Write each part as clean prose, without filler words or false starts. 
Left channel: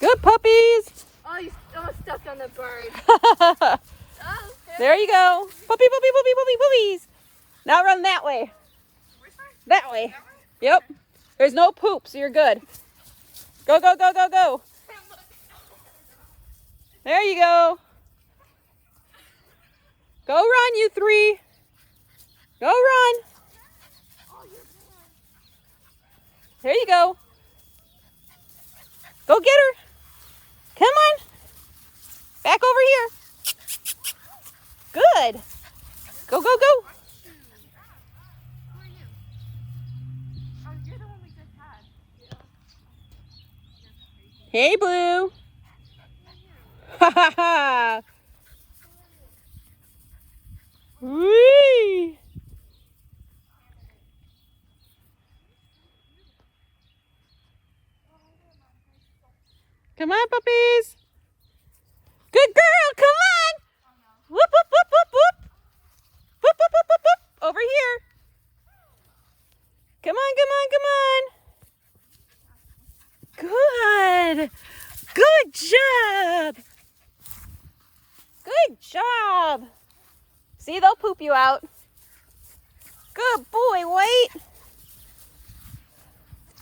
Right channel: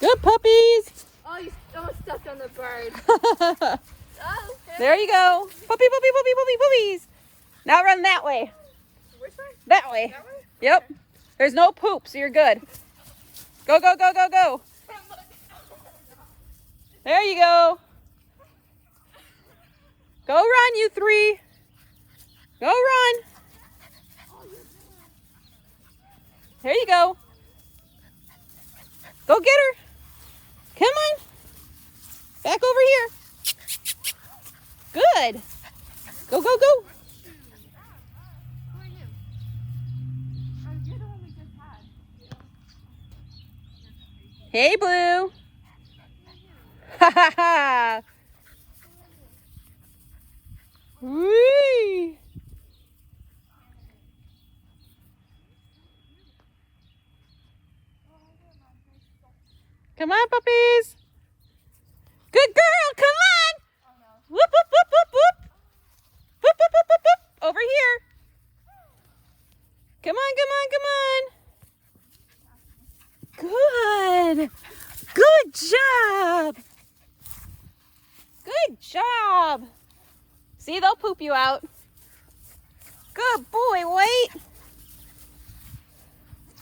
Good puppies. Oh, you almost stepped on the bird. Oh, There you go. Puppy, puppy, puppy, puppy, puppies. Now run that way. which way? That way. Yep. There's no poop, so you're good. Go, go, go, go, go. There you go. Go run, you three. Go run. There you go. Go get her. Come on. Back over here. Good. Go, go, go. Who are you? You're the one we just had. Hey, Blue. Ha ha ha. Whee. Come on, puppies. Good girl. Come on. Whoop, whoop, whoop, whoop, whoop. Whoop, whoop, whoop, whoop, whoop. Over here. Come on, come on, come on. Good. Good job. Good job. See, they'll poop you out. Good boy, wait.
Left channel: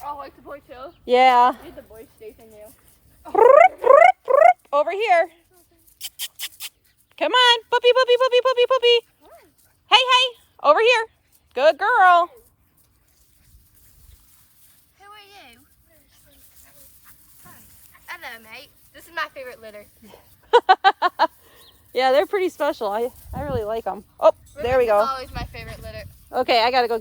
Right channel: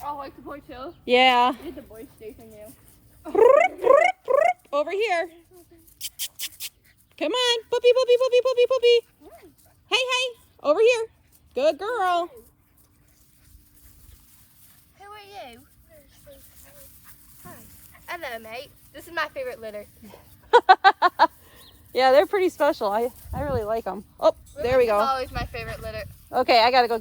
Oh, like the boy too? Yeah. Did the boy station there? Over here. Come on. Puppy, puppy, puppy, puppy, puppy. Hey, hey. Over here. Good girl. Who are you? Hi. Hello, mate. This is my favorite litter. Yeah, they're pretty special. I really like them. Oh, there we This is go. always my favorite litter. Okay, I gotta go